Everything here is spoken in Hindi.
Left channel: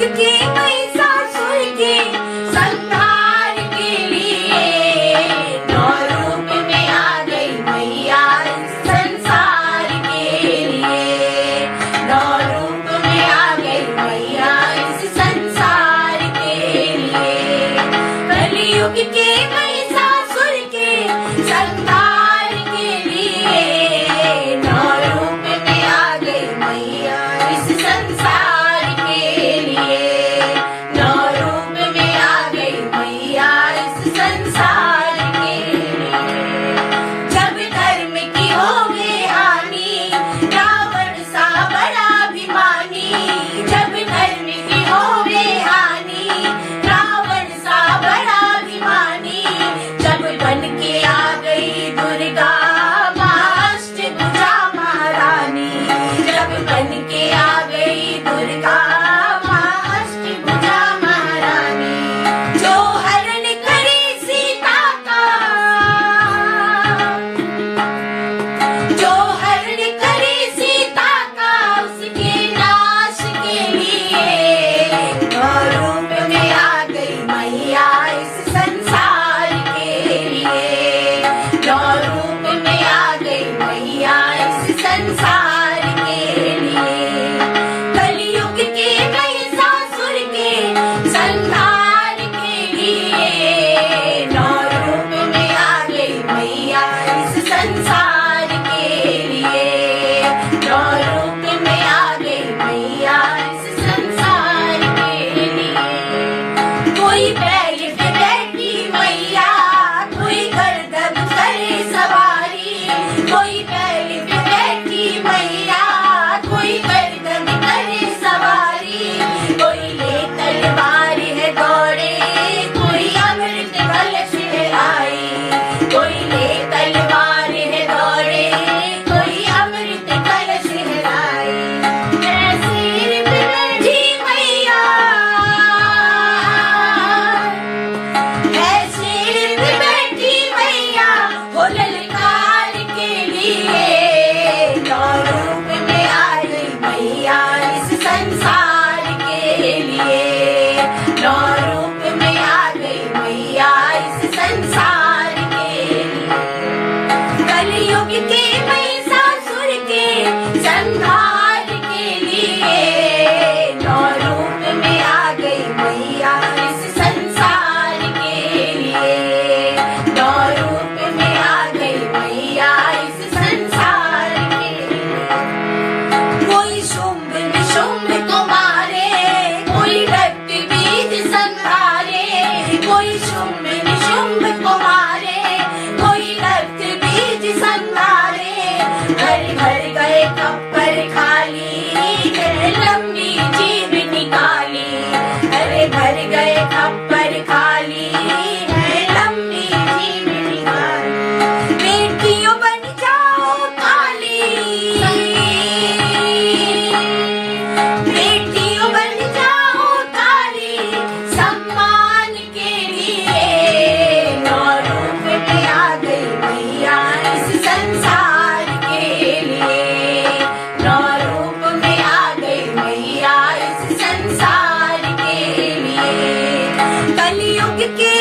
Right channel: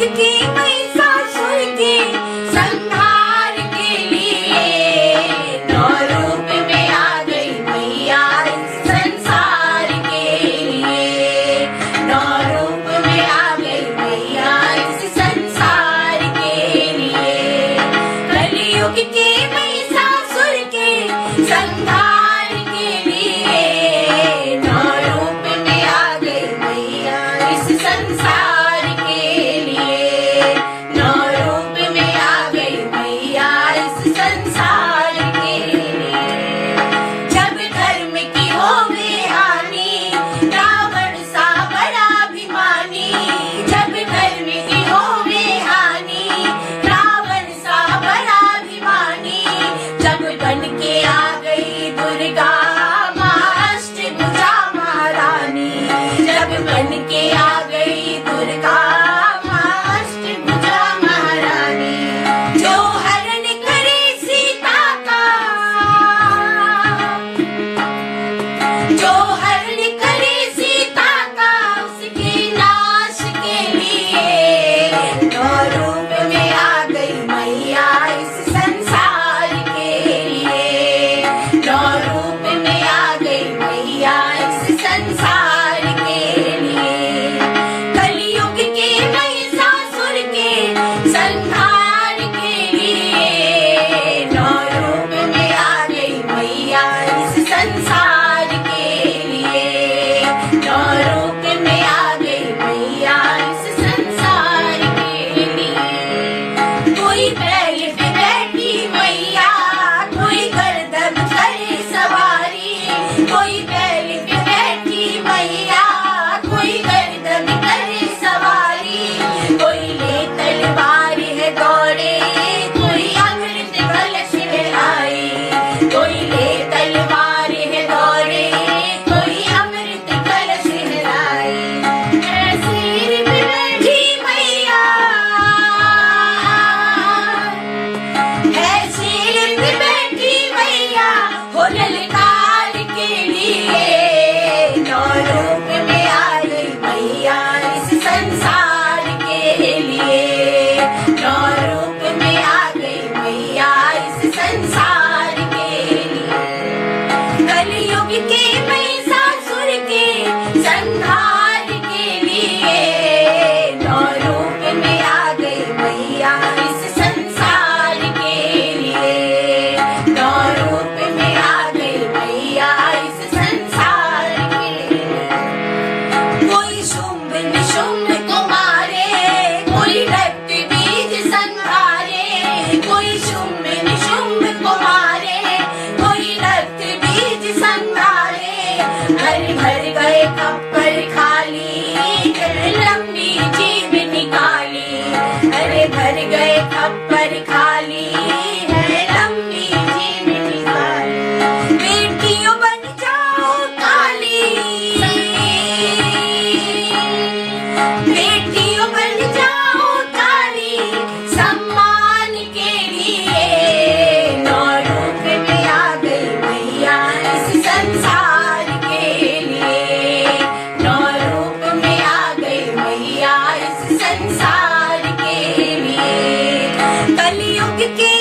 की महिषासुर के संहार के लिए नौ रूप में आ गई मैया इस संसार के लिए। नौ रूप में आ गई मैया इस संसार के लिए। कलयुग के महिषासुर के संहार के लिए नौ रूप में आ गई मैया इस संसार के लिए। नौ रूप में आ गई मैया इस संसार के लिए। जब धर्म की होवे हानि रावण सा बड़ा अभिमानी। जब धर्म की होवे हानि रावण सा बड़ा अभिमानी। जब बन के आ गई दुर्गा अष्टभुजा महारानी। जब बन के आ गई दुर्गा अष्टभुजा महारानी। जो हरण करे सीता का, जो हरण करे सीता का उसके नाश के लिए नौ रूप में आ गई मैया इस संसार के लिए। नौ रूप में आ गई मैया इस संसार के लिए। कलयुग के महिषासुर के संहार के लिए नौ रूप में आ गई मैया इस संसार के लिए। नौ रूप में आ गई मैया इस संसार के लिए। कोई बैल पे बैठी मैया, कोई गर्दन करे सवारी। कोई बैल पे बैठी मैया, कोई गर्दन करे सवारी। कोई ले तलवार है दौड़े, कोई अमृत कलश है आई। कोई ले तलवार है दौड़े, कोई अमृत कलश है आई। सिर पे बैठी मैया है, सिर पे बैठी मैया हो ललकार के लिए। नौ रूप में आई मैया इस संसार के लिए। नौ रूप में आ गई मैया इस संसार के लिए। कलयुग के महिषासुर के संहार के लिए नौ रूप में आ गई मैया इस संसार के लिए। नौ रूप में आ गई मैया इस संसार के लिए। कोई शुंभ निशुंभ को मारे, कोई रक्त बीज संहारे। कोई शुंभ निशुंभ को मारे, कोई रक्त बीज संहारे। भर भर गए खप्पर खाली, लंबी जीभ निकाली। अरे भर गए खप्पर खाली, लंबी जीभ निकाली। बेटियों बन जाओ काली, बेटियों बन जाओ काली सम्मान के लिए। नौ रूप में आ गई मैया इस संसार के लिए। नौ रूप में आ गई मैया इस संसार के लिए। कलयुग के